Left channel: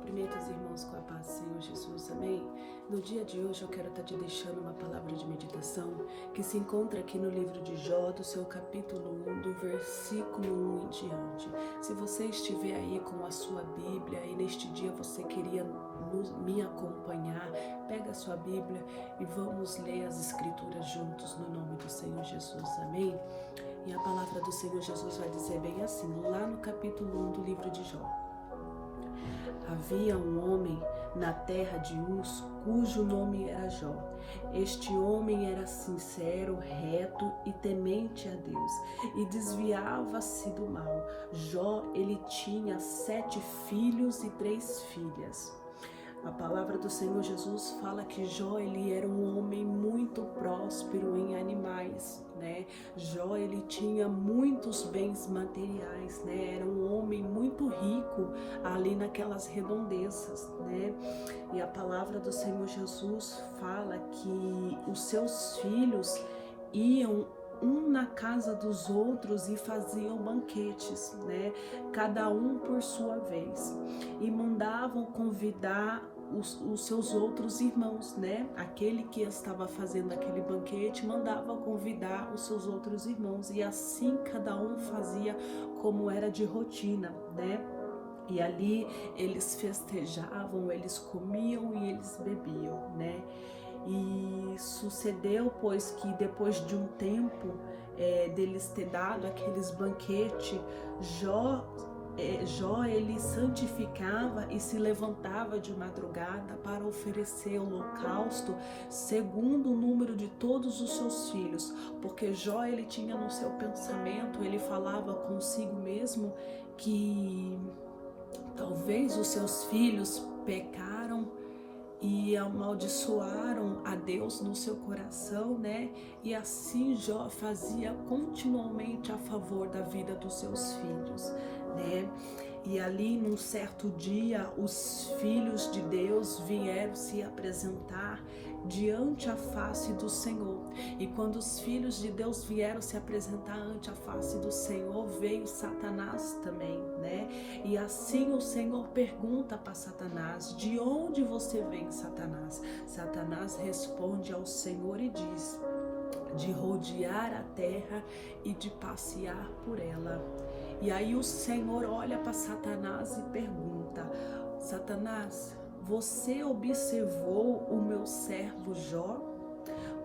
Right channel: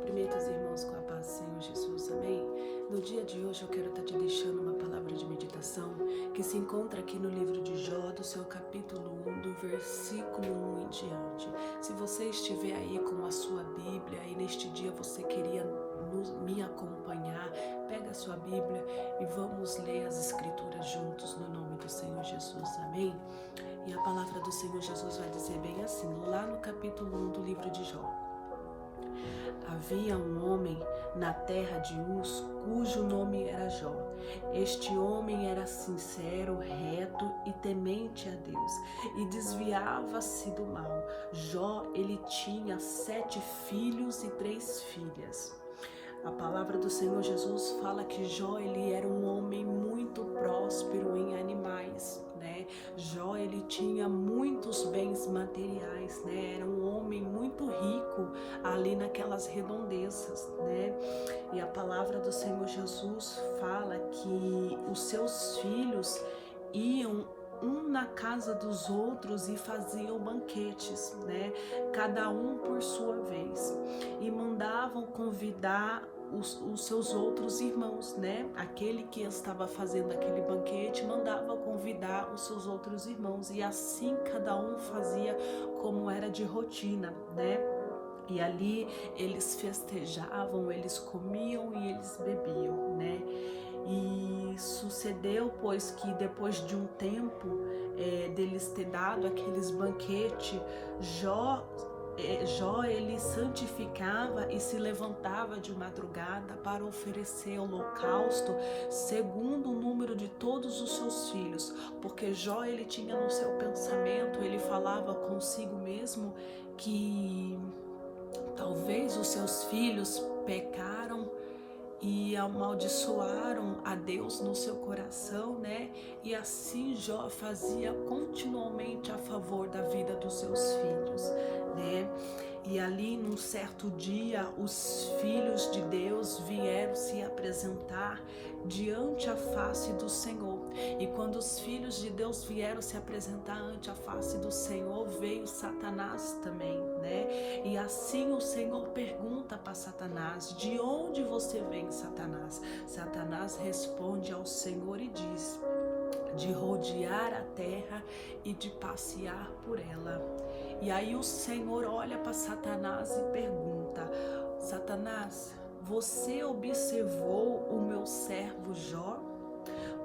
Cumprimento os irmãos com a paz do Senhor Jesus, amém? No dia de hoje eu quero estar te deixando uma palavra de meditação que se encontra aqui no livro de Jó, do seu capítulo 1, do versículo 1 em diante. Se você estiver aí com a sua Bíblia e neste dia você queria me acompanhar, pega a sua Bíblia e vamos ler as Escrituras juntos no nome do Senhor Jesus, amém? E a palavra do Senhor Jesus vai dizer bem assim, lá no capítulo 1 do livro de Jó. Havia um homem na terra de Uz, cujo nome era Jó. Este homem era sincero, reto e temente a Deus, e desviava-se do mal. Jó, ele tinha 7 filhos e 3 filhas. A palavra do Senhor Jesus fala que Jó, ele era um homem muito próspero em animais, né? Jó, ele tinha muitos bens materiais, né? Era um homem muito rico ali naquelas redondezas, né? E a palavra do Senhor Jesus fala que os seus filhos iam um na casa dos outros e faziam banquetes, né? Cada um por sua vez, e mandavam convidar os seus outros irmãos, né? Aquele que estava fazendo aquele banquete mandava convidar os seus outros irmãos, e assim cada um fazia como era de rotina, né? E ali eles festejavam, eles comiam e eles bebiam, né? E sucedeu, pois, que depois de um tempo deles ter dado aqueles banquetes, Jó, ele santificava e se levantava de madrugada para oferecer holocausto segundo o número de todos os seus filhos, porque Jó, ele tinha no seu pensamento, ele falava consigo mesmo que talvez os seus filhos pecaram e amaldiçoaram a Deus no seu coração, né? E assim Jó fazia continuamente a favor da vida dos seus filhos, né? E ali num certo dia os filhos de Deus vieram se apresentar diante a face do Senhor. E quando os filhos de Deus vieram se apresentar ante a face do Senhor, veio Satanás também, né? E assim o Senhor pergunta para Satanás: de onde você vem, Satanás? Satanás responde ao Senhor e diz: de rodear a terra e de passear por ela. E aí o Senhor olha para Satanás e pergunta: Satanás, você observou o meu servo Jó?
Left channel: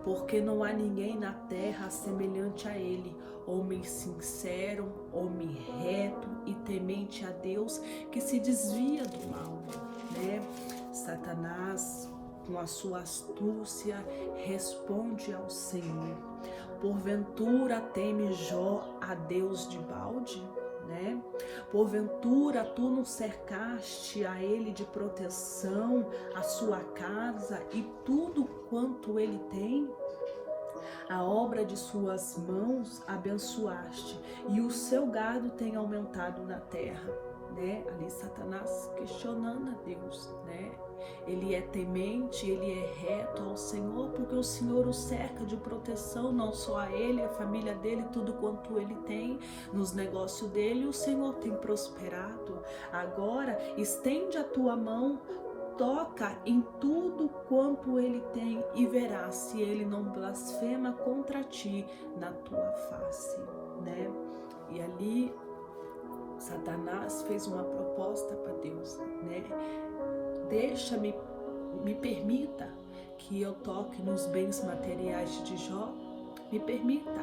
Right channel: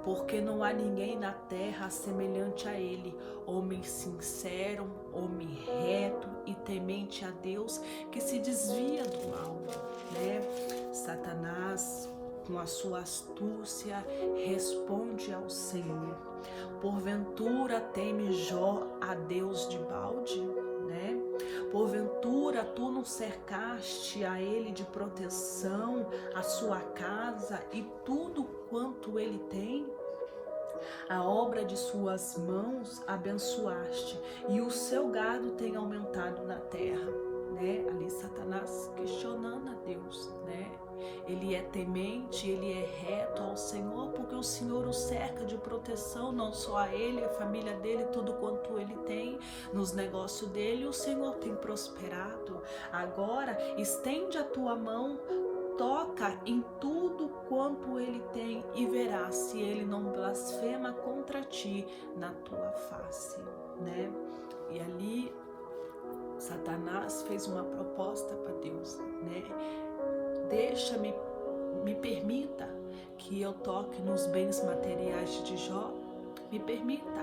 Porque não há ninguém na terra semelhante a ele, homem sincero, homem reto e temente a Deus, que se desvia do mal, né? Satanás, com a sua astúcia, responde ao Senhor: porventura teme Jó a Deus de balde? Né? Porventura tu não cercaste a ele de proteção, a sua casa e tudo quanto ele tem? A obra de suas mãos abençoaste, e o seu gado tem aumentado na terra, né? Ali Satanás questionando a Deus, né? Ele é temente, ele é reto ao Senhor, porque o Senhor o cerca de proteção, não só a ele, a família dele, tudo quanto ele tem, nos negócios dele, o Senhor tem prosperado. Agora, estende a tua mão, toca em tudo quanto ele tem e verás se ele não blasfema contra ti na tua face, né? E ali Satanás fez uma proposta para Deus, né? Me permita que eu toque nos bens materiais de Jó, me permita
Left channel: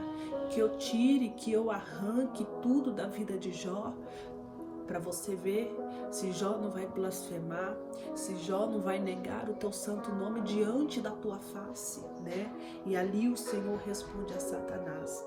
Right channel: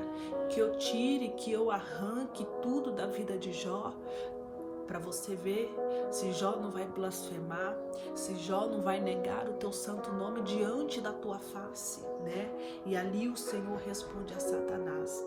que eu tire, que eu arranque tudo da vida de Jó, para você ver se Jó não vai blasfemar, se Jó não vai negar o teu santo nome diante da tua face, né? E ali o Senhor responde a Satanás:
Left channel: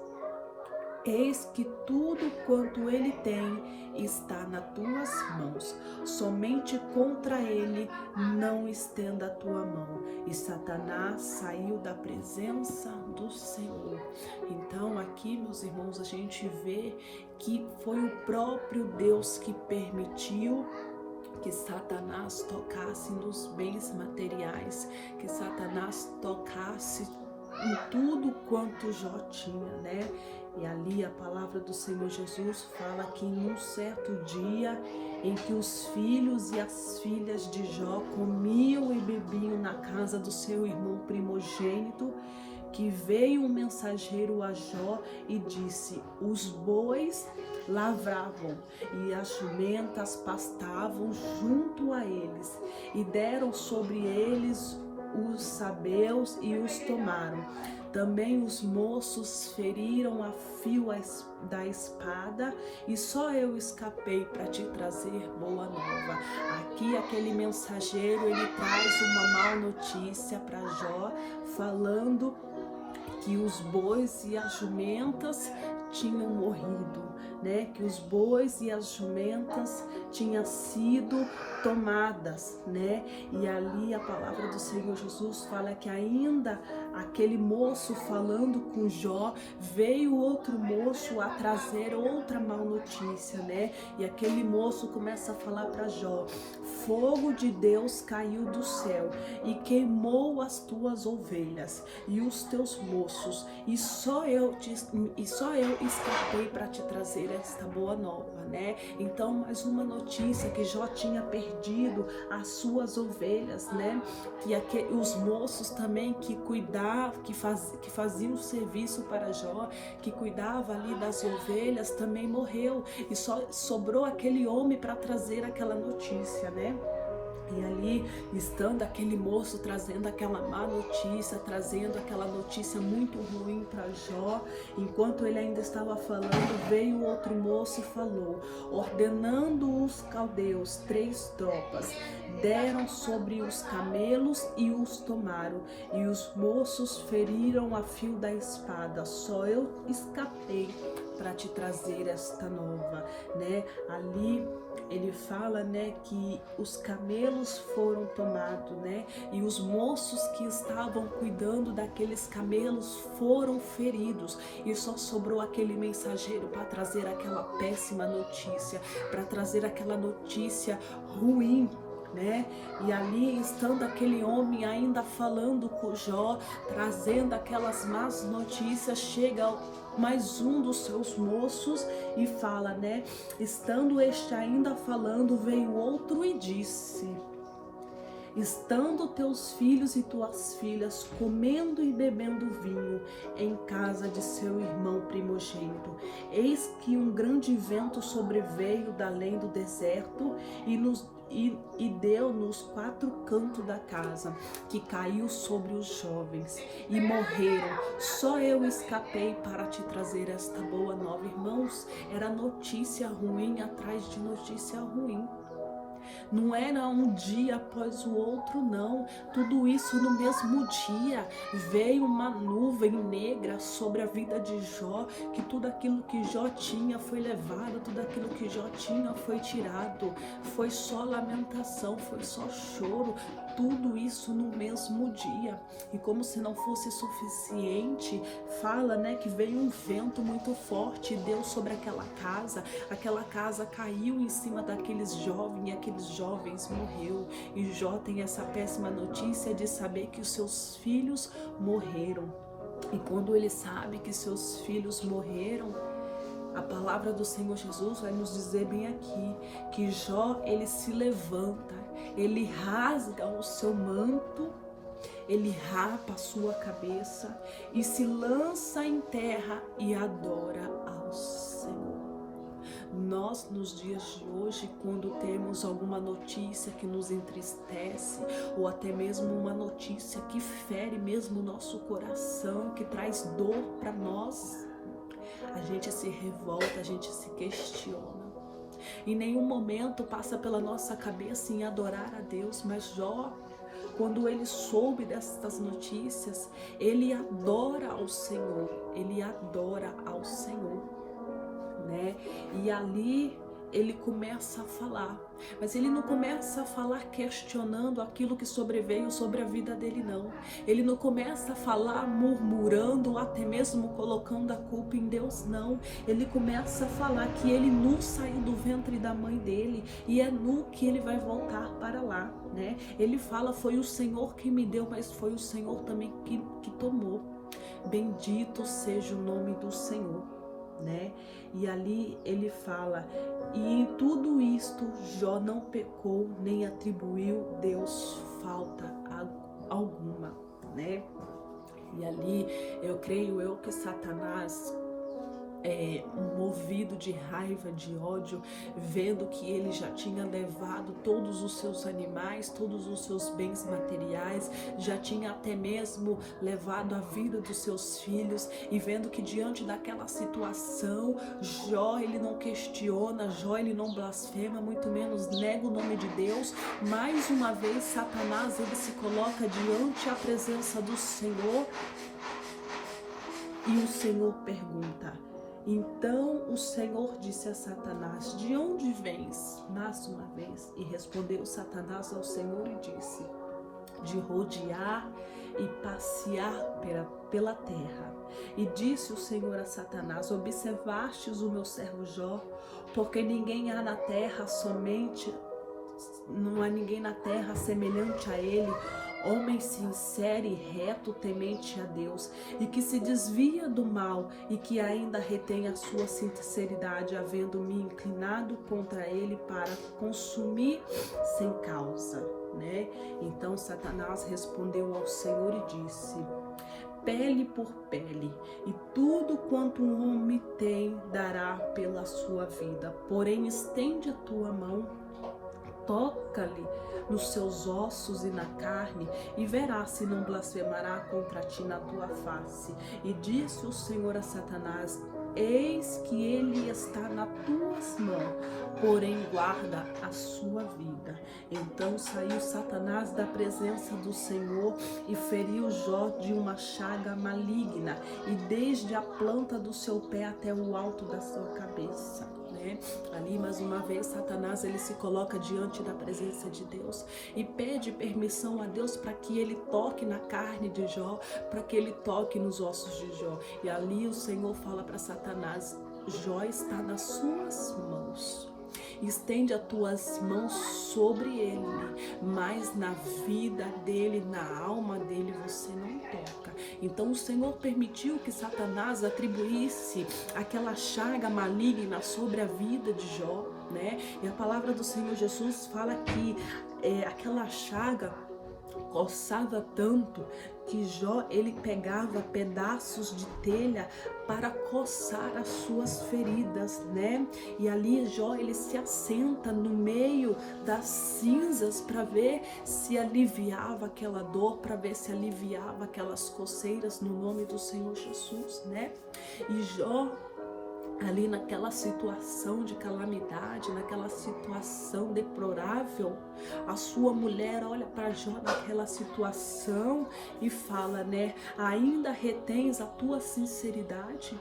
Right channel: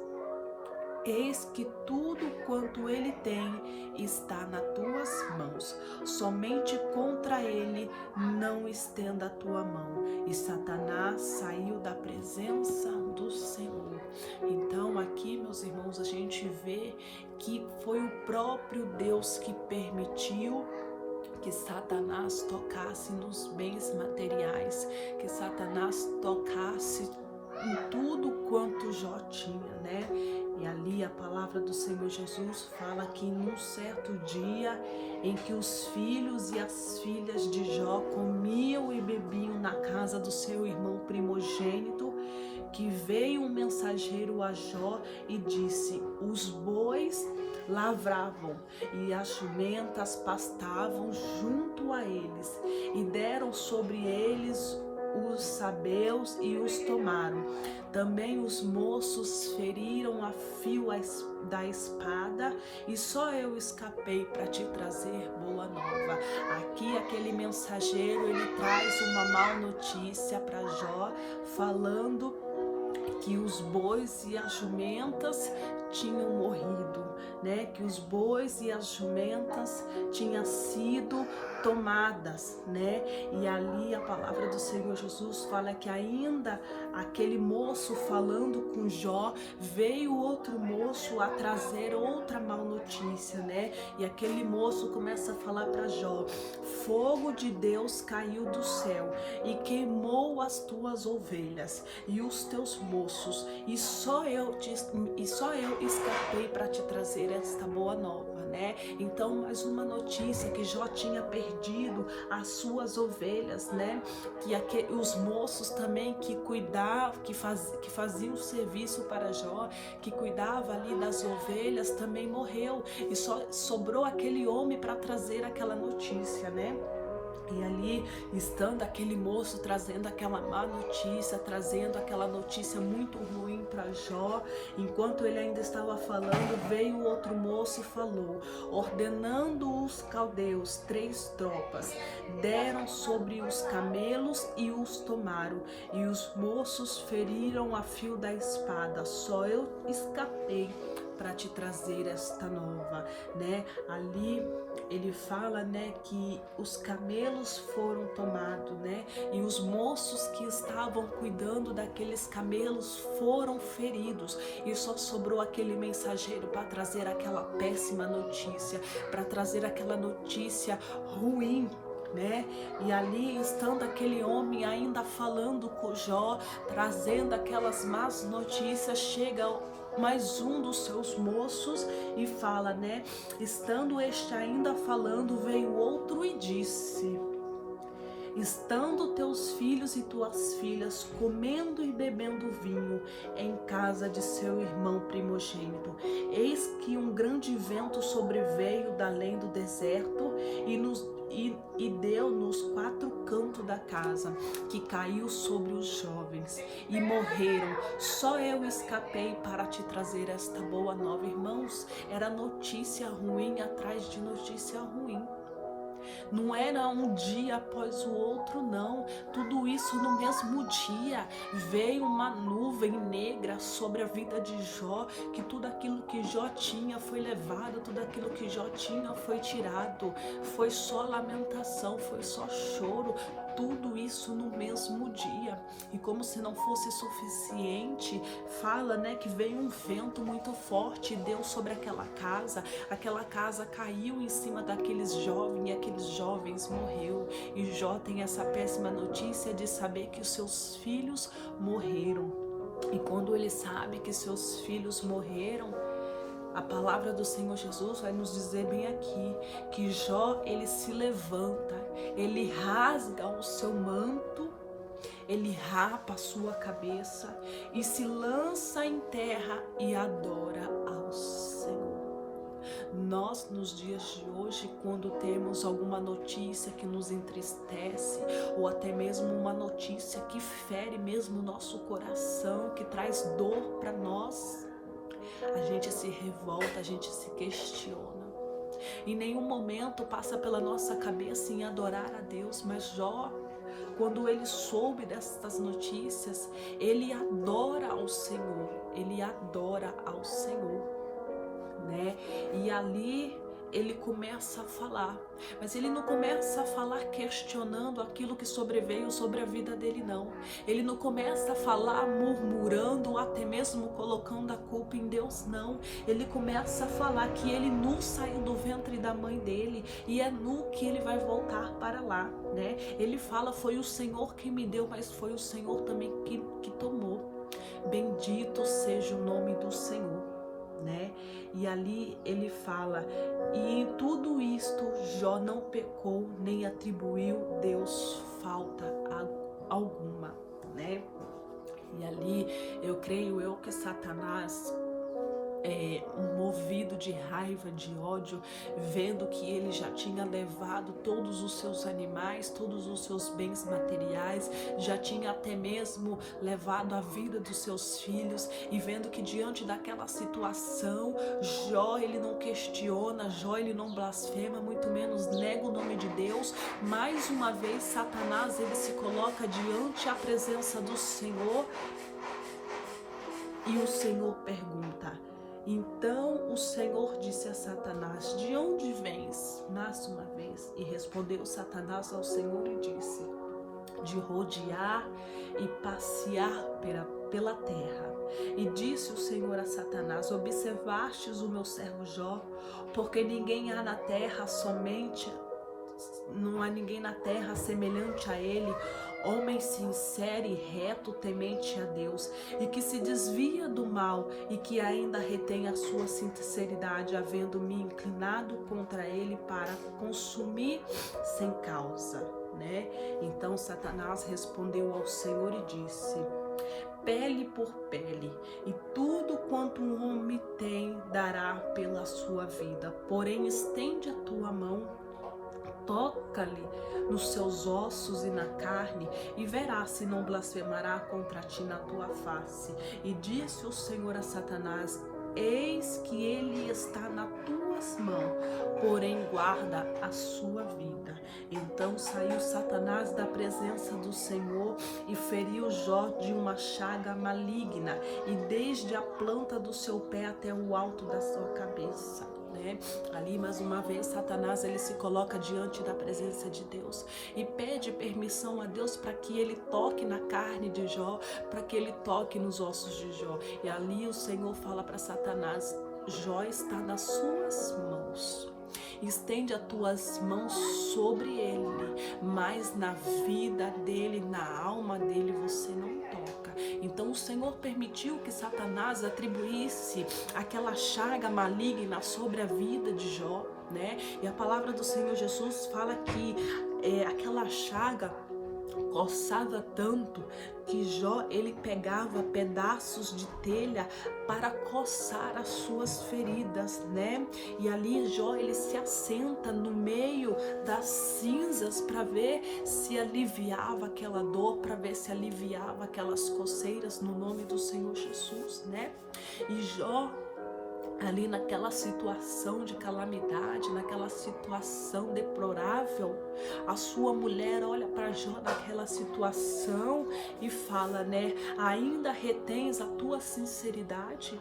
eis que tudo quanto ele tem está nas tuas mãos, somente contra ele não estenda a tua mão. E Satanás saiu da presença do Senhor. Então aqui, meus irmãos, a gente vê que foi o próprio Deus que permitiu que Satanás tocasse nos bens materiais, que Satanás tocasse em tudo quanto Jó tinha, né? E ali a palavra do Senhor Jesus fala que em um certo dia em que os filhos e as filhas de Jó comiam e bebiam na casa do seu irmão primogênito, que veio um mensageiro a Jó e disse: os bois lavravam e as jumentas pastavam junto a eles, e deram sobre eles os sabeus e os tomaram. Também os moços feriram a fio da espada, e só eu escapei para te trazer boa nova. Aqui aquele mensageiro, ele traz uma má notícia para Jó, falando que os bois e as jumentas tinham morrido, né? Que os bois e as jumentas tinham sido tomadas, né? E ali a palavra do Senhor Jesus fala que ainda aquele moço falando com Jó, veio outro moço a trazer outra má notícia, né? E aquele moço começa a falar para Jó: fogo de Deus caiu do céu e queimou as tuas ovelhas e os teus moços, e só eu escapei para te trazer esta boa nova, né? Então, mais uma notícia, que Jó tinha perdido as suas ovelhas, né? Que os moços também que cuidavam, que faziam o serviço para Jó, que cuidava ali das ovelhas, também morreu, e só sobrou aquele homem para trazer aquela notícia, né? E ali, estando aquele moço trazendo aquela má notícia, trazendo aquela notícia muito ruim para Jó, enquanto ele ainda estava falando, veio outro moço e falou: ordenando os caldeus 3 tropas, deram sobre os camelos e os tomaram, e os moços feriram a fio da espada, só eu escapei para te trazer esta nova, né? Ali ele fala, né, que os camelos foram tomados, né? E os moços que estavam cuidando daqueles camelos foram feridos, e só sobrou aquele mensageiro para trazer aquela péssima notícia, para trazer aquela notícia ruim, né? E ali, estando aquele homem ainda falando com Jó, trazendo aquelas más notícias, chega mais um dos seus moços e fala, né? Estando este ainda falando, veio outro e disse: estando teus filhos e tuas filhas comendo e bebendo vinho em casa de seu irmão primogênito, eis que um grande vento sobreveio da além do deserto e deu nos 4 cantos da casa, que caiu sobre os jovens e morreram. Só eu escapei para te trazer esta boa nova. Irmãos, era notícia ruim atrás de notícia ruim. Não era um dia após o outro, não. Tudo isso no mesmo dia. Veio uma nuvem negra sobre a vida de Jó, que tudo aquilo que Jó tinha foi levado, tudo aquilo que Jó tinha foi tirado. Foi só lamentação, foi só choro. Tudo isso no mesmo dia. E como se não fosse suficiente, fala, né, que veio um vento muito forte e deu sobre aquela casa caiu em cima daqueles jovens, e aqueles jovens morreu. E Jó tem essa péssima notícia de saber que os seus filhos morreram. E quando ele sabe que seus filhos morreram, a palavra do Senhor Jesus vai nos dizer bem aqui, que Jó, ele se levanta, ele rasga o seu manto, ele rapa a sua cabeça e se lança em terra e adora ao Senhor. Nós, nos dias de hoje, quando temos alguma notícia que nos entristece, ou até mesmo uma notícia que fere mesmo o nosso coração, que traz dor para nós, a gente se revolta, a gente se questiona. Em nenhum momento passa pela nossa cabeça em adorar a Deus, mas Jó, quando ele soube destas notícias, ele adora ao Senhor, ele adora ao Senhor, né? E ali ele começa a falar, mas ele não começa a falar questionando aquilo que sobreveio sobre a vida dele, não. Ele não começa a falar murmurando, até mesmo colocando a culpa em Deus, não. Ele começa a falar que ele nu saiu do ventre da mãe dele e é nu que ele vai voltar para lá, né? Ele fala: foi o Senhor que me deu, mas foi o Senhor também que tomou. Bendito seja o nome do Senhor. né? E ali ele fala, e em tudo isto Jó não pecou nem atribuiu Deus falta alguma, né? E ali eu creio que Satanás, movido de raiva, de ódio, vendo que ele já tinha levado todos os seus animais, todos os seus bens materiais, já tinha até mesmo levado a vida dos seus filhos, e vendo que diante daquela situação, Jó ele não questiona, Jó ele não blasfema, muito menos nega o nome de Deus. Mais uma vez Satanás ele se coloca diante a presença do Senhor, e o Senhor pergunta. Então o Senhor disse a Satanás, de onde vens? Mais uma vez, e respondeu Satanás ao Senhor e disse, de rodear e passear pela terra. E disse o Senhor a Satanás, observastes o meu servo Jó, porque não há ninguém na terra semelhante a ele, homem sincero e reto, temente a Deus, e que se desvia do mal, e que ainda retém a sua sinceridade, havendo me inclinado contra ele para consumir sem causa, né? Então Satanás respondeu ao Senhor e disse, pele por pele, e tudo quanto um homem tem dará pela sua vida, porém estende a tua mão, toca-lhe nos seus ossos e na carne, e verás se não blasfemará contra ti na tua face. E disse o Senhor a Satanás, eis que ele está nas tuas mãos, porém guarda a sua vida. Então saiu Satanás da presença do Senhor e feriu Jó de uma chaga maligna, e desde a planta do seu pé até o alto da sua cabeça. Ali mais uma vez Satanás ele se coloca diante da presença de Deus e pede permissão a Deus para que ele toque na carne de Jó, para que ele toque nos ossos de Jó. E ali o Senhor fala para Satanás, Jó está nas suas mãos. Estende as tuas mãos sobre ele, mas na vida dele, na alma dele você não toca. Então o Senhor permitiu que Satanás atribuísse aquela chaga maligna sobre a vida de Jó, né? E a palavra do Senhor Jesus fala que aquela chaga coçava tanto que Jó ele pegava pedaços de telha para coçar as suas feridas, né? E ali Jó ele se assenta no meio das cinzas para ver se aliviava aquela dor, para ver se aliviava aquelas coceiras no nome do Senhor Jesus, né? E Jó ali naquela situação de calamidade, naquela situação deplorável, a sua mulher olha para Jó naquela situação e fala, né? Ainda retens a tua sinceridade?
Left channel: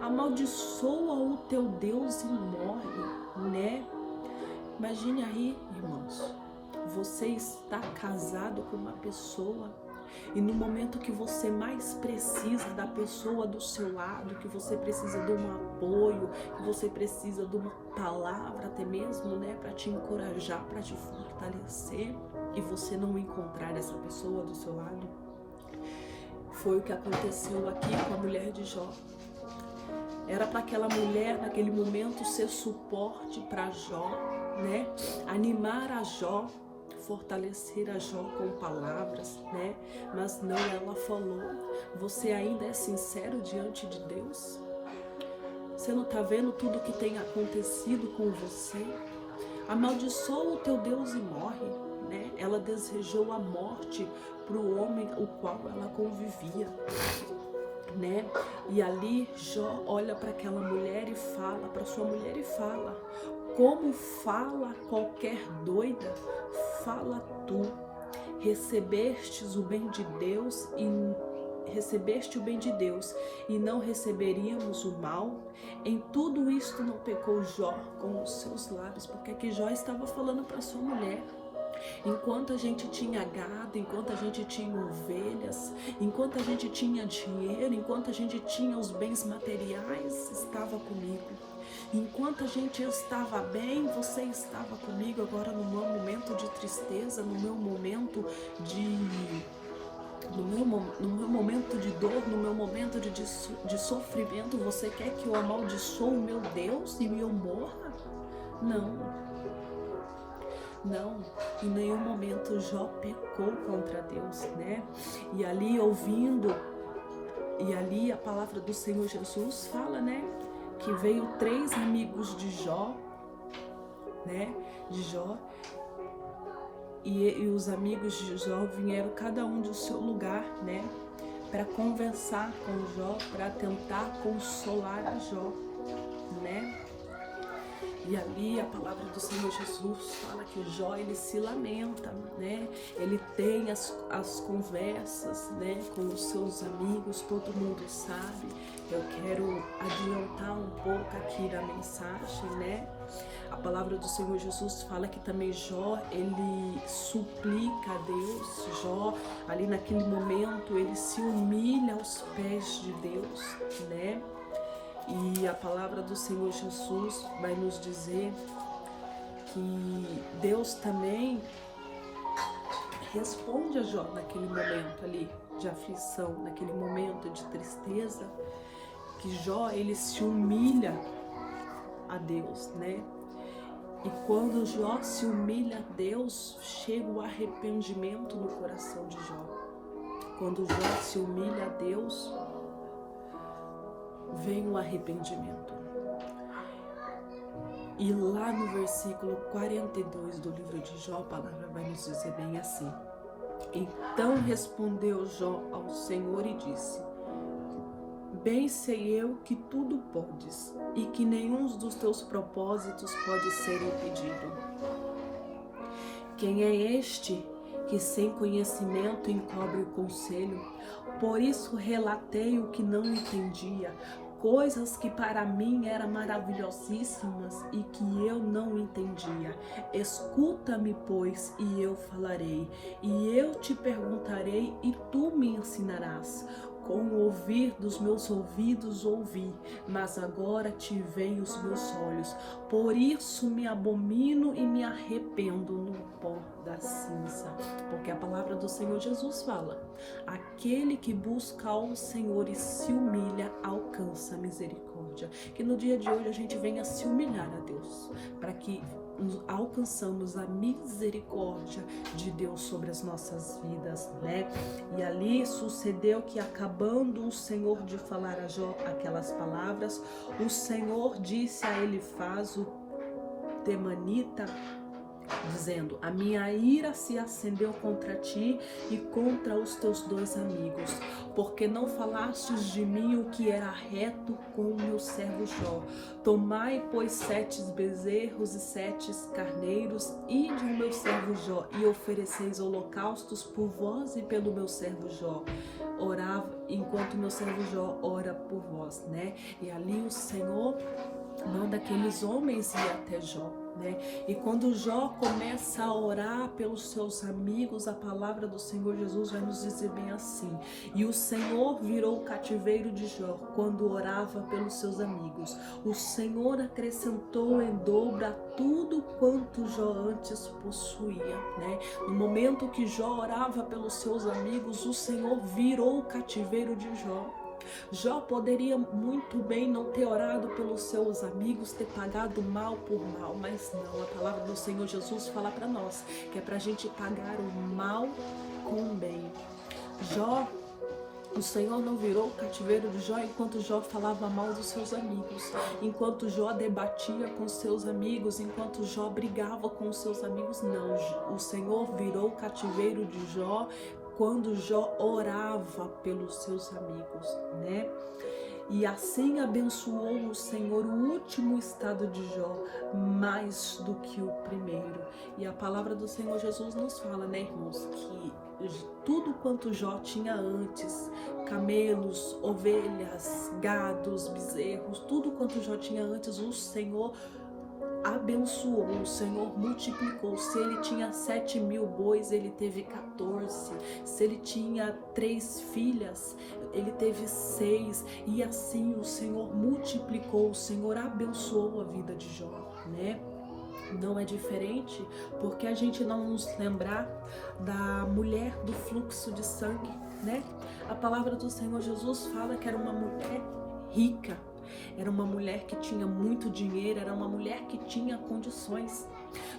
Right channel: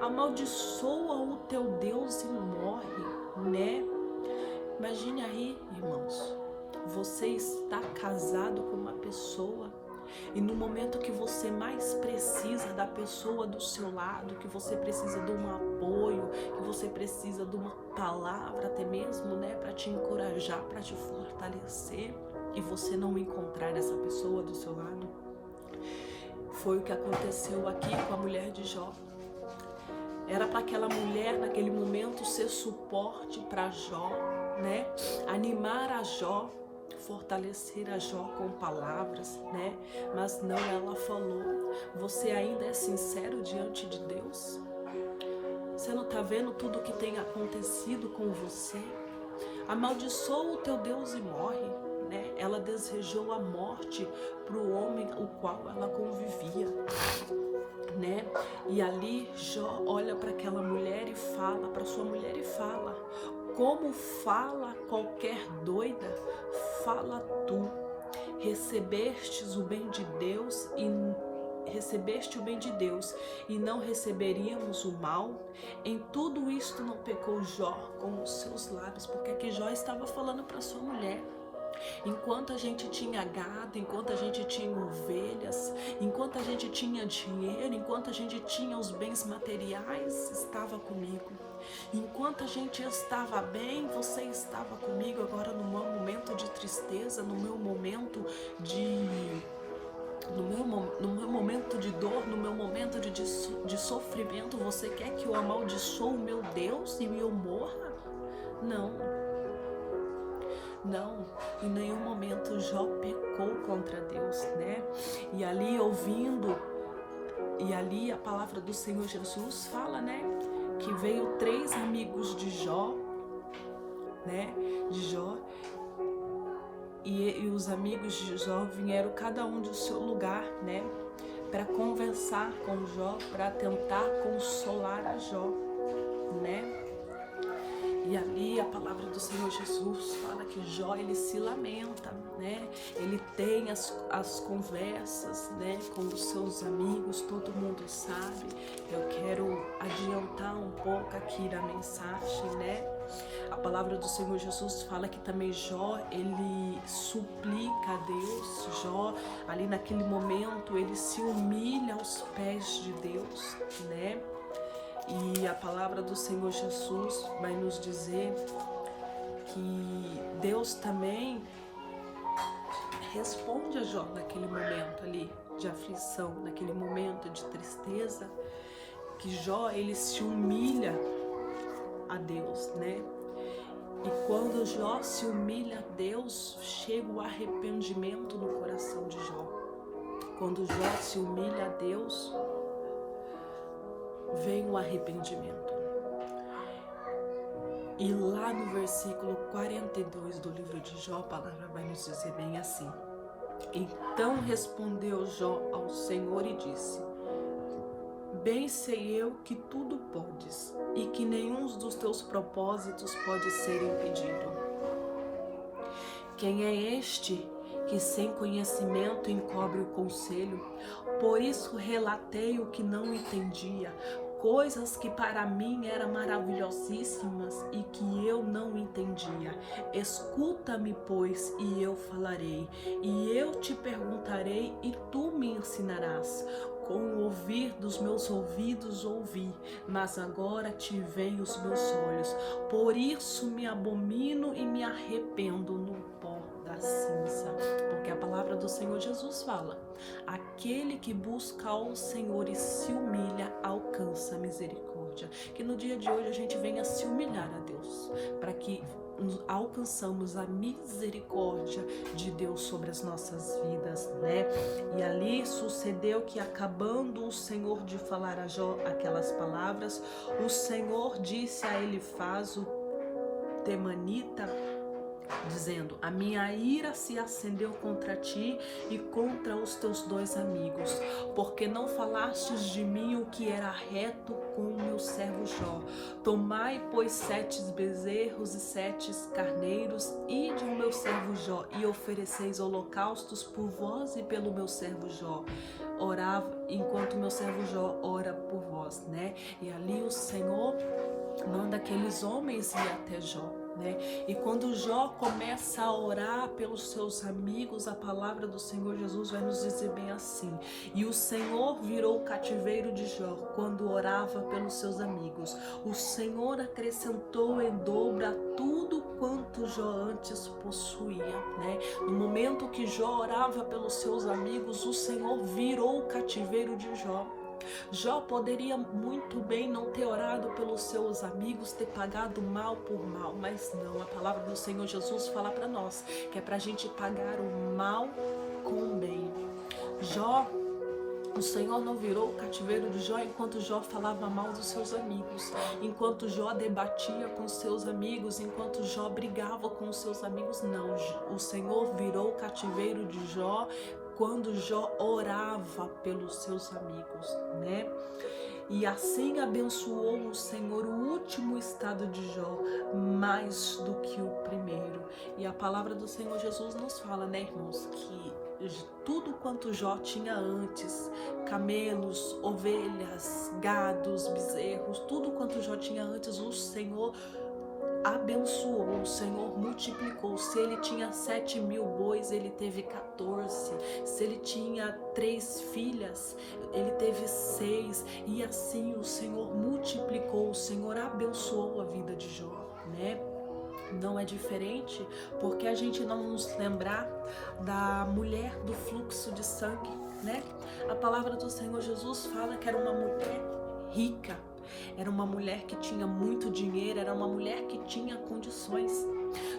Amaldiçoa o teu Deus e morre, né? Imagine aí, irmãos, você está casado com uma pessoa e no momento que você mais precisa da pessoa do seu lado, que você precisa de um apoio, que você precisa de uma palavra até mesmo, né, para te encorajar, para te fortalecer, e você não encontrar essa pessoa do seu lado, foi o que aconteceu aqui com a mulher de Jó. Era para aquela mulher naquele momento ser suporte para Jó, né, animar a Jó, fortalecer a Jó com palavras, né? Mas não, ela falou, você ainda é sincero diante de Deus? Você não está vendo tudo que tem acontecido com você? Amaldiçoa o teu Deus e morre, né? Ela desejou a morte para o homem o qual ela convivia, né? E ali Jó olha para aquela mulher e fala, para sua mulher e fala, como fala qualquer doida, fala tu, recebeste o bem de Deus e não receberíamos o mal? Em tudo isto não pecou Jó com os seus lábios, porque aqui Jó estava falando para sua mulher. Enquanto a gente tinha gado, enquanto a gente tinha ovelhas, enquanto a gente tinha dinheiro, enquanto a gente tinha os bens materiais, estava comigo. Enquanto a gente estava bem, você estava comigo. Agora no meu momento de tristeza, no meu momento no meu momento de dor, no meu momento de sofrimento, você quer que eu amaldiçoe o meu Deus e eu morra? Não. Não, em nenhum momento Jó pecou contra Deus, né? E ali ouvindo, e ali a palavra do Senhor Jesus fala, né? Que veio 3 amigos de Jó, né? De Jó. E os amigos de Jó vieram cada um do seu lugar, né? Para conversar com Jó, para tentar consolar a Jó, né? E ali a palavra do Senhor Jesus fala que Jó, ele se lamenta, né? Ele tem as conversas, né, com os seus amigos, todo mundo sabe. Eu quero adiantar um pouco aqui na mensagem, né? A palavra do Senhor Jesus fala que também Jó, ele suplica a Deus. Jó, ali naquele momento, ele se humilha aos pés de Deus, né? E a palavra do Senhor Jesus vai nos dizer que Deus também responde a Jó naquele momento ali de aflição, naquele momento de tristeza, que Jó, ele se humilha a Deus, né? E quando Jó se humilha a Deus, chega o arrependimento no coração de Jó. Quando Jó se humilha a Deus, vem o arrependimento. E lá no versículo 42 do livro de Jó, a palavra vai nos dizer bem assim: então respondeu Jó ao Senhor e disse: bem sei eu que tudo podes, e que nenhum dos teus propósitos pode ser impedido. Quem é este que sem conhecimento encobre o conselho? Por isso relatei o que não entendia, coisas que para mim eram maravilhosíssimas e que eu não entendia. Escuta-me, pois, e eu falarei, e eu te perguntarei e tu me ensinarás. Com o ouvir dos meus ouvidos ouvi, mas agora te veem os meus olhos. Por isso me abomino e me arrependo no pó da cinza. Porque a palavra do Senhor Jesus fala: aquele que busca ao Senhor e se humilha, alcança a misericórdia. Que no dia de hoje a gente venha se humilhar a Deus, para que alcançamos a misericórdia de Deus sobre as nossas vidas, né? E ali sucedeu que, acabando o Senhor de falar a Jó aquelas palavras, o Senhor disse a Elifaz, o temanita, dizendo: a minha ira se acendeu contra ti e contra os teus 2 amigos, porque não falastes de mim o que era reto com o meu servo Jó. Tomai, pois, 7 bezerros e 7 carneiros, e de o meu servo Jó, e ofereceis holocaustos por vós e pelo meu servo Jó. Orava enquanto meu servo Jó ora por vós, né? E ali o Senhor manda aqueles homens ir até Jó, né? E quando Jó começa a orar pelos seus amigos, a palavra do Senhor Jesus vai nos dizer bem assim: e o Senhor virou o cativeiro de Jó quando orava pelos seus amigos. O Senhor acrescentou em dobro a tudo quanto Jó antes possuía, né? No momento que Jó orava pelos seus amigos, o Senhor virou o cativeiro de Jó. Jó poderia muito bem não ter orado pelos seus amigos, ter pagado mal por mal, mas não, a palavra do Senhor Jesus fala para nós que é para a gente pagar o mal com o bem. Jó, o Senhor não virou o cativeiro de Jó enquanto Jó falava mal dos seus amigos, enquanto Jó debatia com seus amigos, enquanto Jó brigava com os seus amigos, não. O Senhor virou o cativeiro de Jó quando Jó orava pelos seus amigos, né? E assim abençoou o Senhor o último estado de Jó mais do que o primeiro. E a palavra do Senhor Jesus nos fala, né, irmãos, que tudo quanto Jó tinha antes, camelos, ovelhas, gados, bezerros, tudo quanto Jó tinha antes, o Senhor abençoou, o Senhor multiplicou. Se ele tinha 7.000 bois, ele teve 14. Se ele tinha 3 filhas, ele teve 6. E assim o Senhor multiplicou, o Senhor abençoou a vida de Jó, né? Não é diferente porque a gente não nos lembrar da mulher do fluxo de sangue, né? A palavra do Senhor Jesus fala que era uma mulher rica, era uma mulher que tinha muito dinheiro, era uma mulher que tinha condições.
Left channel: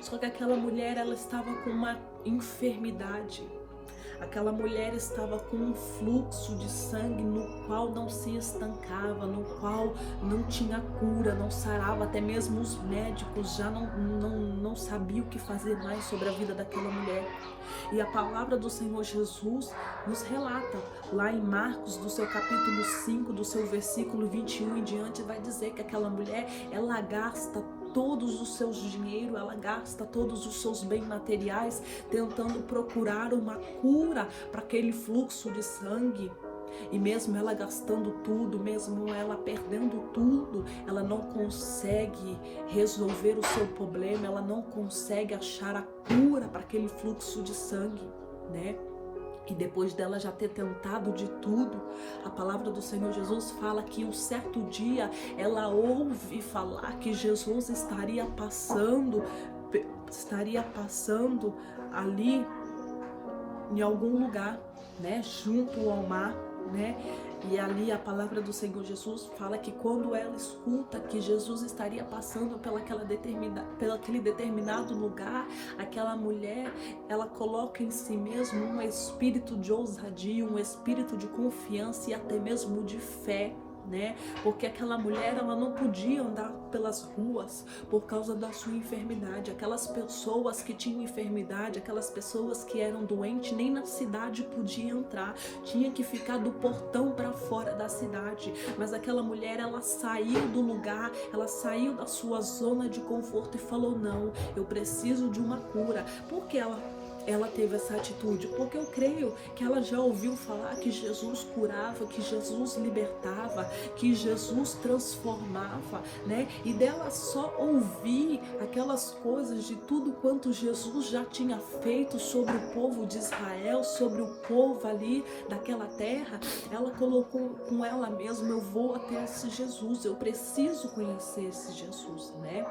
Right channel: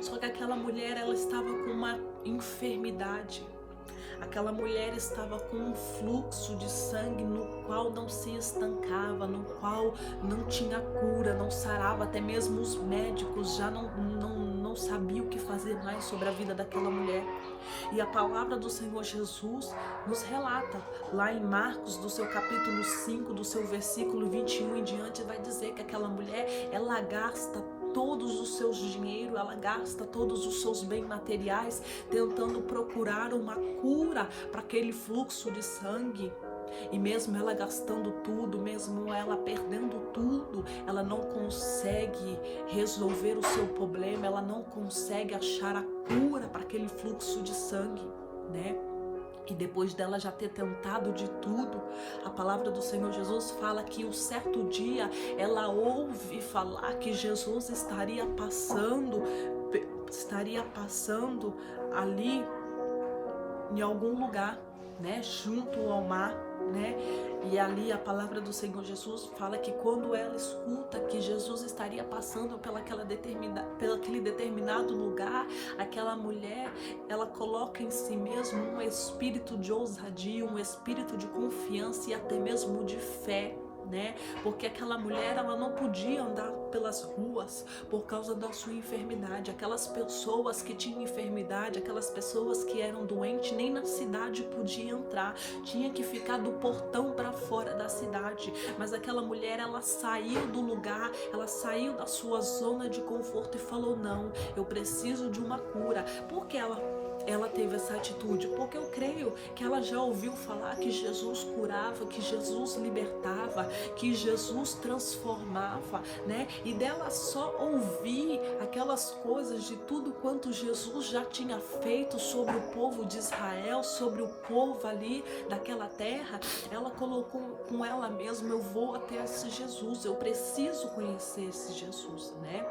Só que aquela mulher, ela estava com uma enfermidade. Aquela mulher estava com um fluxo de sangue no qual não se estancava, no qual não tinha cura, não sarava. Até mesmo os médicos já não sabiam o que fazer mais sobre a vida daquela mulher. E a palavra do Senhor Jesus nos relata, lá em Marcos, do seu capítulo 5, do seu versículo 21 em diante, vai dizer que aquela mulher, ela gasta todos os seus dinheiro, ela gasta todos os seus bens materiais tentando procurar uma cura para aquele fluxo de sangue. E mesmo ela gastando tudo, mesmo ela perdendo tudo, ela não consegue resolver o seu problema, ela não consegue achar a cura para aquele fluxo de sangue, né? E depois dela já ter tentado de tudo, a palavra do Senhor Jesus fala que um certo dia ela ouve falar que Jesus estaria passando ali em algum lugar, né, junto ao mar, né? E ali a palavra do Senhor Jesus fala que quando ela escuta que Jesus estaria passando pelaquele determinado lugar, aquela mulher, ela coloca em si mesmo um espírito de ousadia, um espírito de confiança e até mesmo de fé, né? Porque aquela mulher, ela não podia andar pelas ruas por causa da sua enfermidade. Aquelas pessoas que tinham enfermidade, aquelas pessoas que eram doentes, nem na cidade podia entrar, tinha que ficar do portão para fora da cidade. Mas aquela mulher, ela saiu do lugar, ela saiu da sua zona de conforto e falou: não, eu preciso de uma cura. Porque ela teve essa atitude? Porque eu creio que ela já ouviu falar que Jesus curava, que Jesus libertava, que Jesus transformava, né? E dela só ouvir aquelas coisas de tudo quanto Jesus já tinha feito sobre o povo de Israel, sobre o povo ali daquela terra, ela colocou com ela mesma: eu vou até esse Jesus, eu preciso conhecer esse Jesus, né?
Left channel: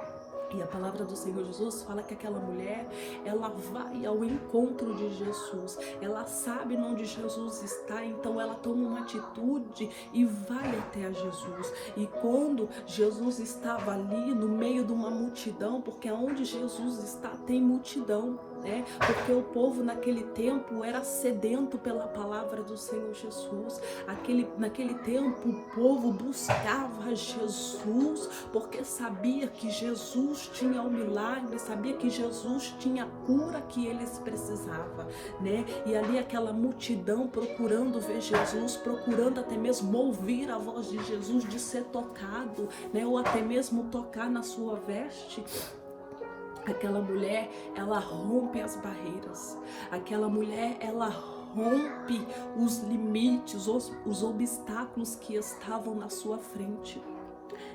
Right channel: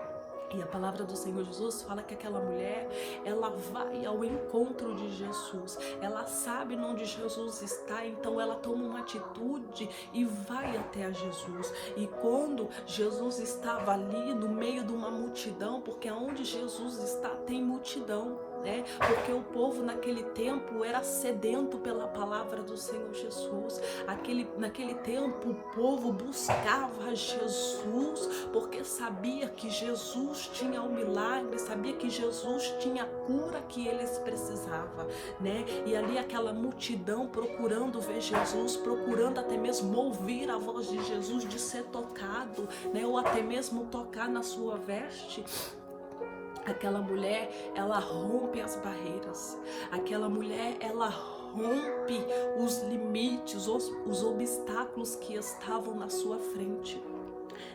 E a palavra do Senhor Jesus fala que aquela mulher, ela vai ao encontro de Jesus, ela sabe onde Jesus está, então ela toma uma atitude e vai até a Jesus. E quando Jesus estava ali no meio de uma multidão, porque onde Jesus está tem multidão, né? Porque o povo naquele tempo era sedento pela palavra do Senhor Jesus. Naquele tempo o povo buscava Jesus porque sabia que Jesus tinha o milagre, sabia que Jesus tinha a cura que eles precisavam, né? E ali aquela multidão procurando ver Jesus, procurando até mesmo ouvir a voz de Jesus, de ser tocado, né? Ou até mesmo tocar na sua veste. Aquela mulher, ela rompe as barreiras. Aquela mulher, ela rompe os limites, os obstáculos que estavam na sua frente,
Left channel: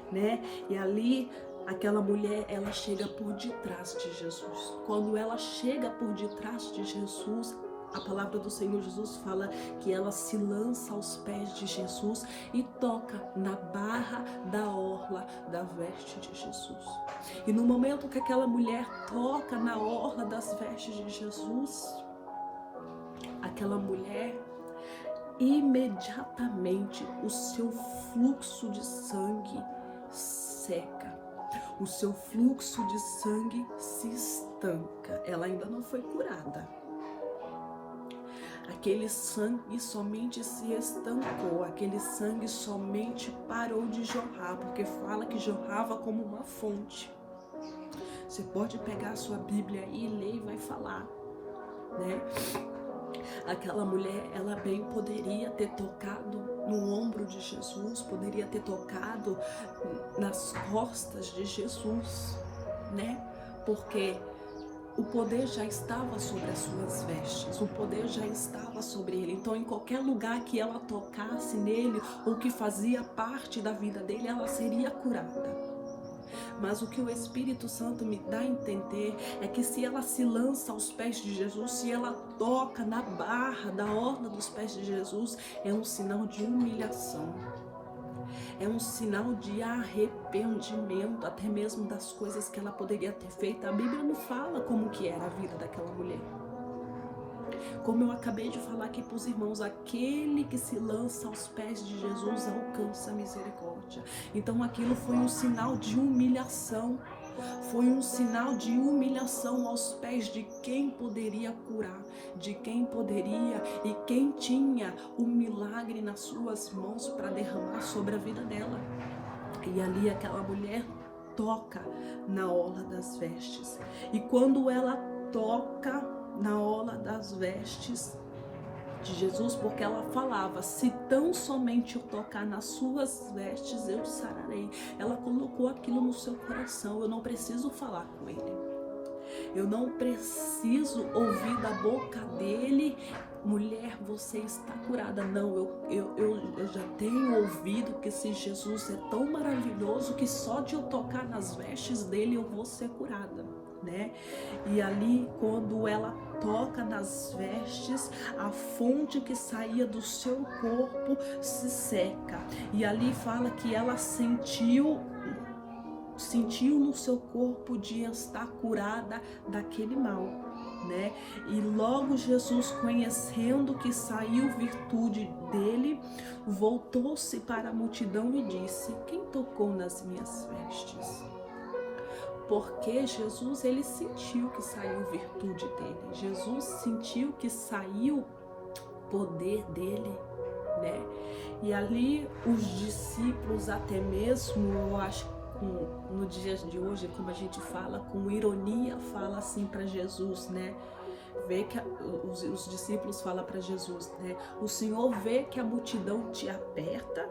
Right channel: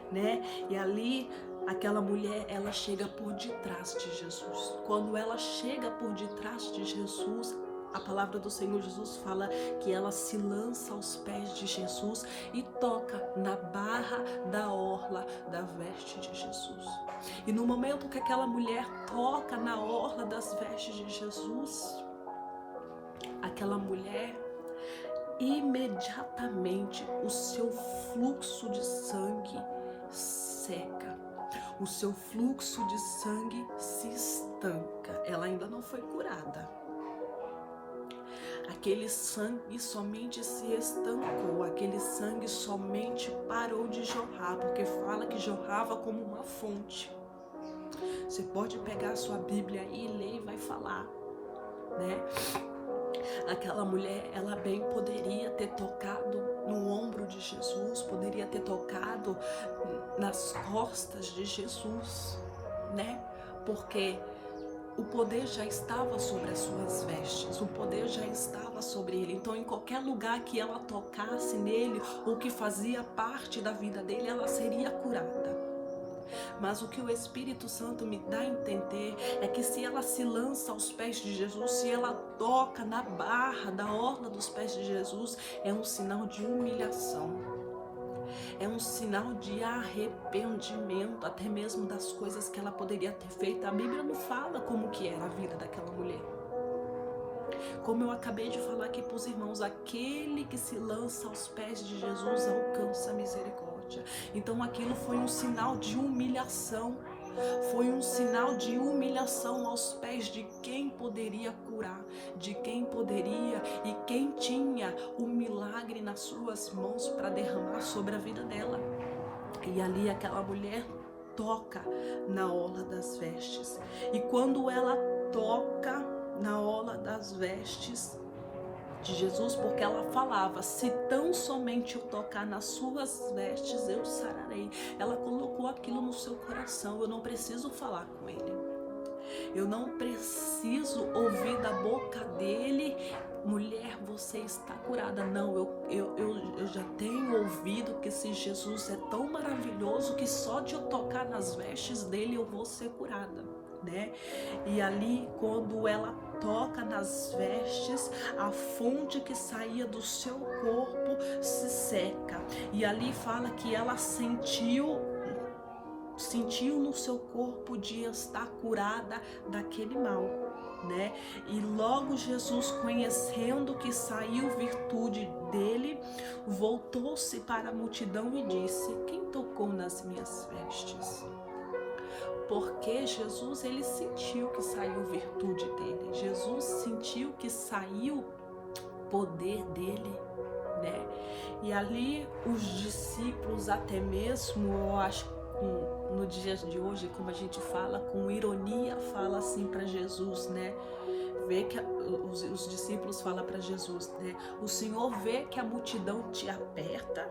né? E ali, aquela mulher, ela chega por detrás de Jesus. Quando ela chega por detrás de Jesus, a palavra do Senhor Jesus fala que ela se lança aos pés de Jesus e toca na barra da orla da veste de Jesus. E no momento que aquela mulher toca na orla das vestes de Jesus, aquela mulher, imediatamente o seu fluxo de sangue seca. O seu fluxo de sangue se estanca. Ela ainda não foi curada. Aquele sangue somente se estancou, aquele sangue somente parou de jorrar, porque fala que jorrava como uma fonte. Você pode pegar a sua Bíblia aí e ler e vai falar, né? Aquela mulher, ela bem poderia ter tocado no ombro de Jesus, poderia ter tocado nas costas de Jesus, né? Porque o poder já estava sobre as suas vestes, o poder já estava sobre ele. Então, em qualquer lugar que ela tocasse nele, ou que fazia parte da vida dele, ela seria curada. Mas o que o Espírito Santo me dá a entender é que se ela se lança aos pés de Jesus, se ela toca na barra da orla dos pés de Jesus, é um sinal de humilhação. É um sinal de arrependimento, até mesmo das coisas que ela poderia ter feito. A Bíblia não fala como que era a vida daquela mulher. Como eu acabei de falar aqui para os irmãos, aquele que se lança aos pés de Jesus alcança a misericórdia. Então aquilo foi um sinal de humilhação. Foi um sinal de humilhação aos pés de quem poderia curar, de quem poderia e quem tinha o milagre nas suas mãos para derramar sobre a vida dela. E ali aquela mulher toca na orla das vestes. E quando ela toca na orla das vestes de Jesus, porque ela falava: se tão somente eu tocar nas suas vestes, eu sararei. Ela colocou aquilo no seu coração. Eu não preciso falar com ele, eu não preciso ouvir da boca dele: mulher, você está curada. Não, eu já tenho ouvido que esse Jesus é tão maravilhoso que só de eu tocar nas vestes dele eu vou ser curada, né? E ali, quando ela toca nas vestes, a fonte que saía do seu corpo se seca. E ali fala que ela sentiu no seu corpo de estar curada daquele mal, né? E logo Jesus, conhecendo que saiu virtude dele, voltou-se para a multidão e disse: quem tocou nas minhas vestes? Porque Jesus, ele sentiu que saiu virtude dele. Jesus sentiu que saiu poder dele, né? E ali os discípulos, até mesmo, eu acho, no dia de hoje, como a gente fala, com ironia, fala assim para Jesus, né? Vê que os discípulos falam para Jesus, né? O Senhor vê que a multidão te aperta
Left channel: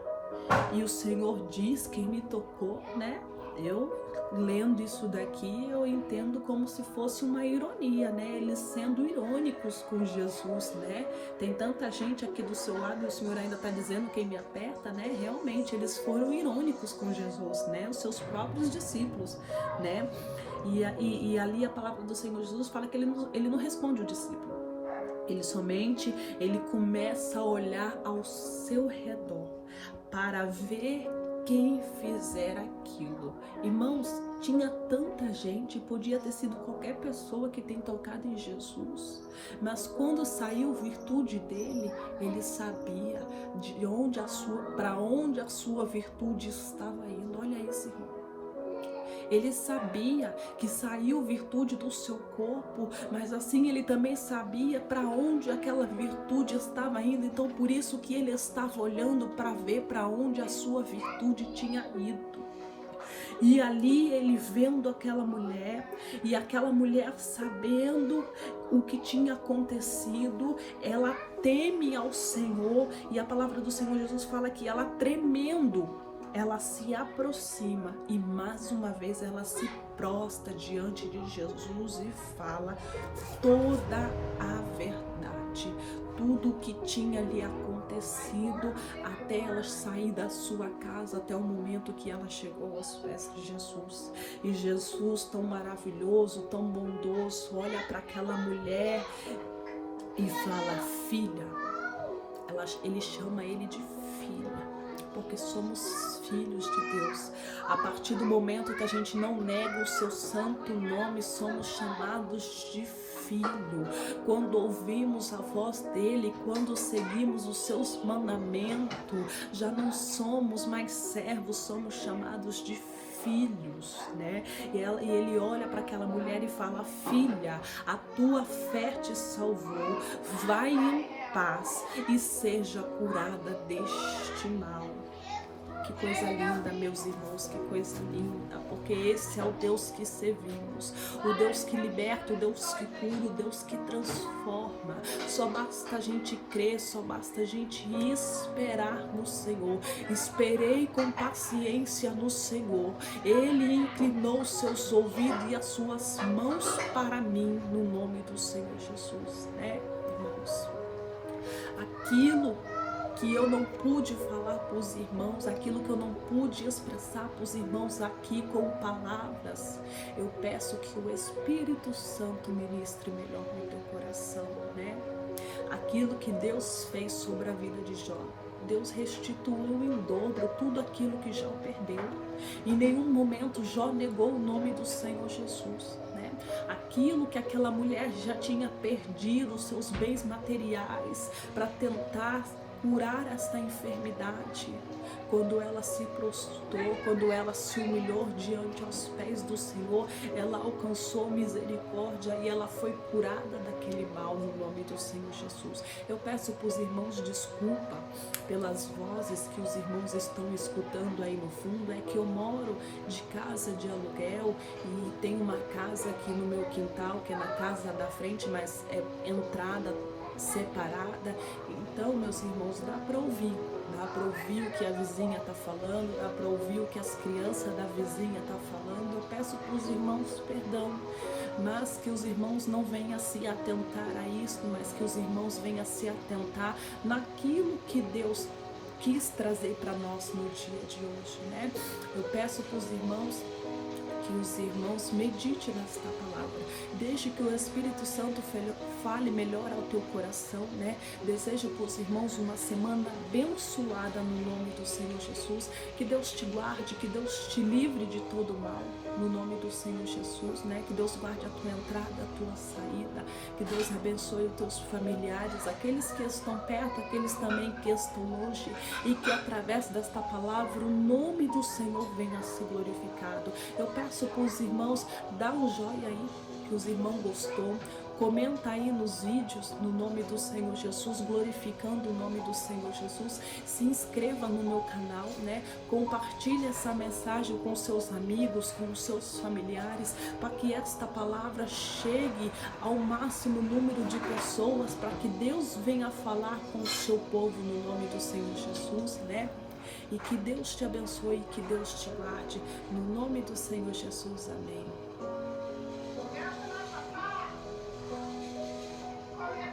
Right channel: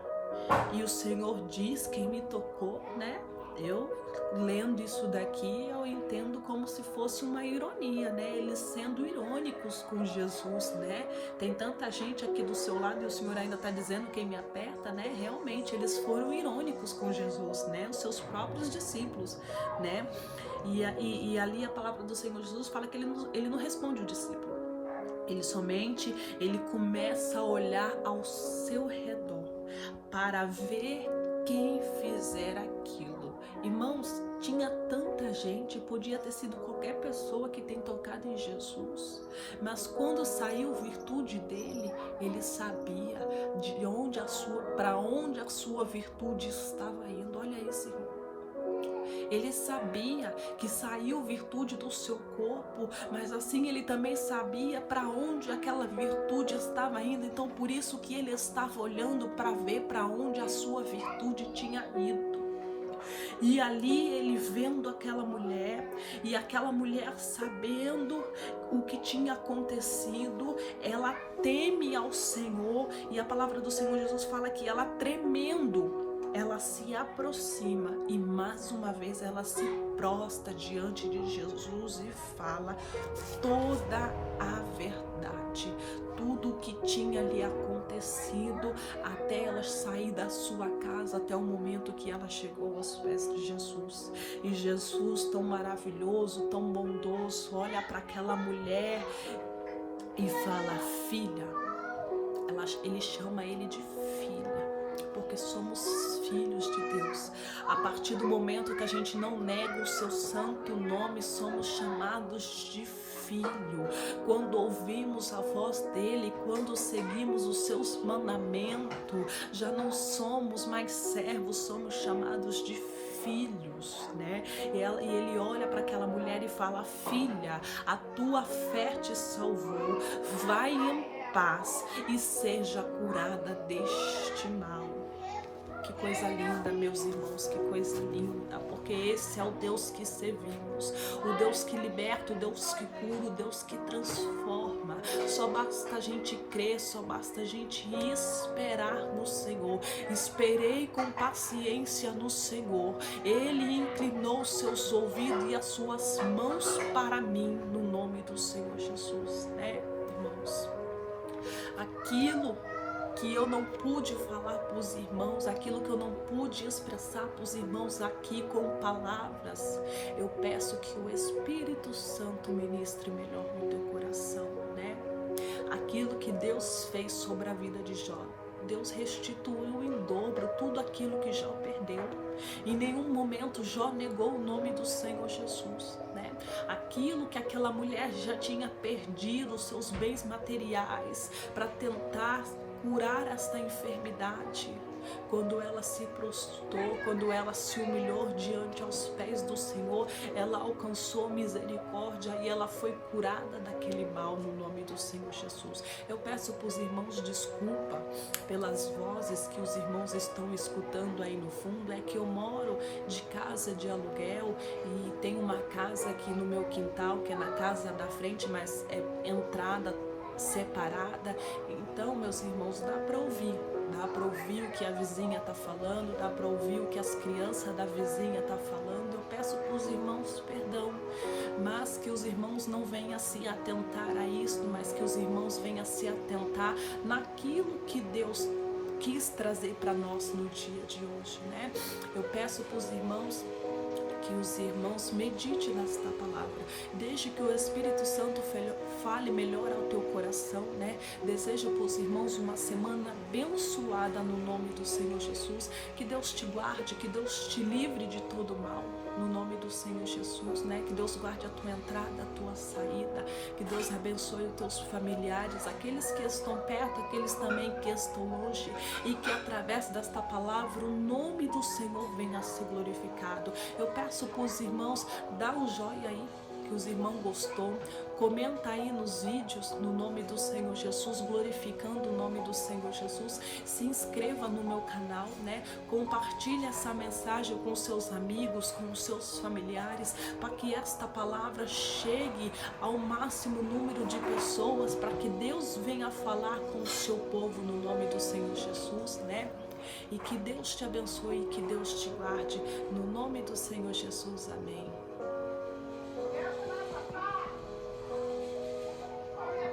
e o Senhor diz: quem me tocou, né? Eu, lendo isso daqui, eu entendo como se fosse uma ironia, né? Eles sendo irônicos com Jesus, né? Tem tanta gente aqui do seu lado e o Senhor ainda está dizendo quem me aperta, né? Realmente, eles foram irônicos com Jesus, né? Os seus próprios discípulos, né? E ali a palavra do Senhor Jesus fala que ele não responde o discípulo. Ele começa a olhar ao seu redor para ver quem fizer aquilo. Irmãos, tinha tanta gente, podia ter sido qualquer pessoa que tem tocado em Jesus, mas quando saiu virtude dele, ele sabia para onde a sua virtude estava indo. Olha isso, irmão. Ele sabia que saiu virtude do seu corpo, mas assim ele também sabia para onde aquela virtude estava indo. Então por isso que ele estava olhando para ver para onde a sua virtude tinha ido. E ali ele vendo aquela mulher, e aquela mulher sabendo o que tinha acontecido, ela teme ao Senhor, e a palavra do Senhor Jesus fala que ela, tremendo, ela se aproxima e mais uma vez ela se prostra diante de Jesus e fala toda a verdade, tudo o que tinha lhe acontecido até ela sair da sua casa, até o momento que ela chegou aos pés de Jesus. E Jesus, tão maravilhoso, tão bondoso, olha para aquela mulher e fala: filha. Ele chama ele de filha, porque somos filhos de Deus. A partir do momento que a gente não nega o seu santo nome, somos chamados de filho. Quando ouvimos a voz dele, quando seguimos os seus mandamentos, já não somos mais servos, somos chamados de filhos, né? E ele olha para aquela mulher e fala: filha, a tua fé te salvou, vai em paz e seja curada deste mal. Que coisa linda, meus irmãos, que coisa linda, porque esse é o Deus que servimos, o Deus que liberta, o Deus que cura, o Deus que transforma. Só basta a gente crer, só basta a gente esperar no Senhor. Esperei com paciência no Senhor, Ele inclinou seus ouvidos e as suas mãos para mim, no nome do Senhor Jesus, né, irmãos? Aquilo que eu não pude falar para os irmãos, aquilo que eu não pude expressar para os irmãos aqui com palavras, eu peço que o Espírito Santo ministre melhor no teu coração, né? Aquilo que Deus fez sobre a vida de Jó, Deus restituiu em dobro tudo aquilo que Jó perdeu. Em nenhum momento Jó negou o nome do Senhor Jesus, né? Aquilo que aquela mulher já tinha perdido, os seus bens materiais, para tentar curar esta enfermidade. Quando ela se prostrou, quando ela se humilhou diante aos pés do Senhor, ela alcançou misericórdia e ela foi curada daquele mal no nome do Senhor Jesus. Eu peço para os irmãos desculpa pelas vozes que os irmãos estão escutando aí no fundo. É que eu moro de casa de aluguel e tem uma casa aqui no meu quintal, que é na casa da frente, mas é entrada separada. Então, meus irmãos, dá para ouvir o que a vizinha está falando, dá para ouvir o que as crianças da vizinha estão falando. Eu peço para os irmãos perdão, mas que os irmãos não venham se atentar a isso, mas que os irmãos venham se atentar naquilo que Deus quis trazer para nós no dia de hoje, né? Eu peço para os irmãos que os irmãos meditem nesta palavra, desde que o Espírito Santo fale melhor ao teu coração, né? Desejo para os irmãos uma semana abençoada no nome do Senhor Jesus, que Deus te guarde, que Deus te livre de todo mal, no nome do Senhor Jesus, né? Que Deus guarde a tua entrada, a tua saída, que Deus abençoe os teus familiares, aqueles que estão perto, aqueles também que estão longe, e que através desta palavra o nome do Senhor venha a ser glorificado. Eu peço para os irmãos, dá um joinha aí, que os irmãos gostou, comenta aí nos vídeos, no nome do Senhor Jesus, glorificando o nome do Senhor Jesus, se inscreva no meu canal, né? Compartilhe essa mensagem com seus amigos, com seus familiares, para que esta palavra chegue ao máximo número de pessoas, para que Deus venha falar com o seu povo no nome do Senhor Jesus, né? E que Deus te abençoe, que Deus te guarde, no nome do Senhor Jesus, amém.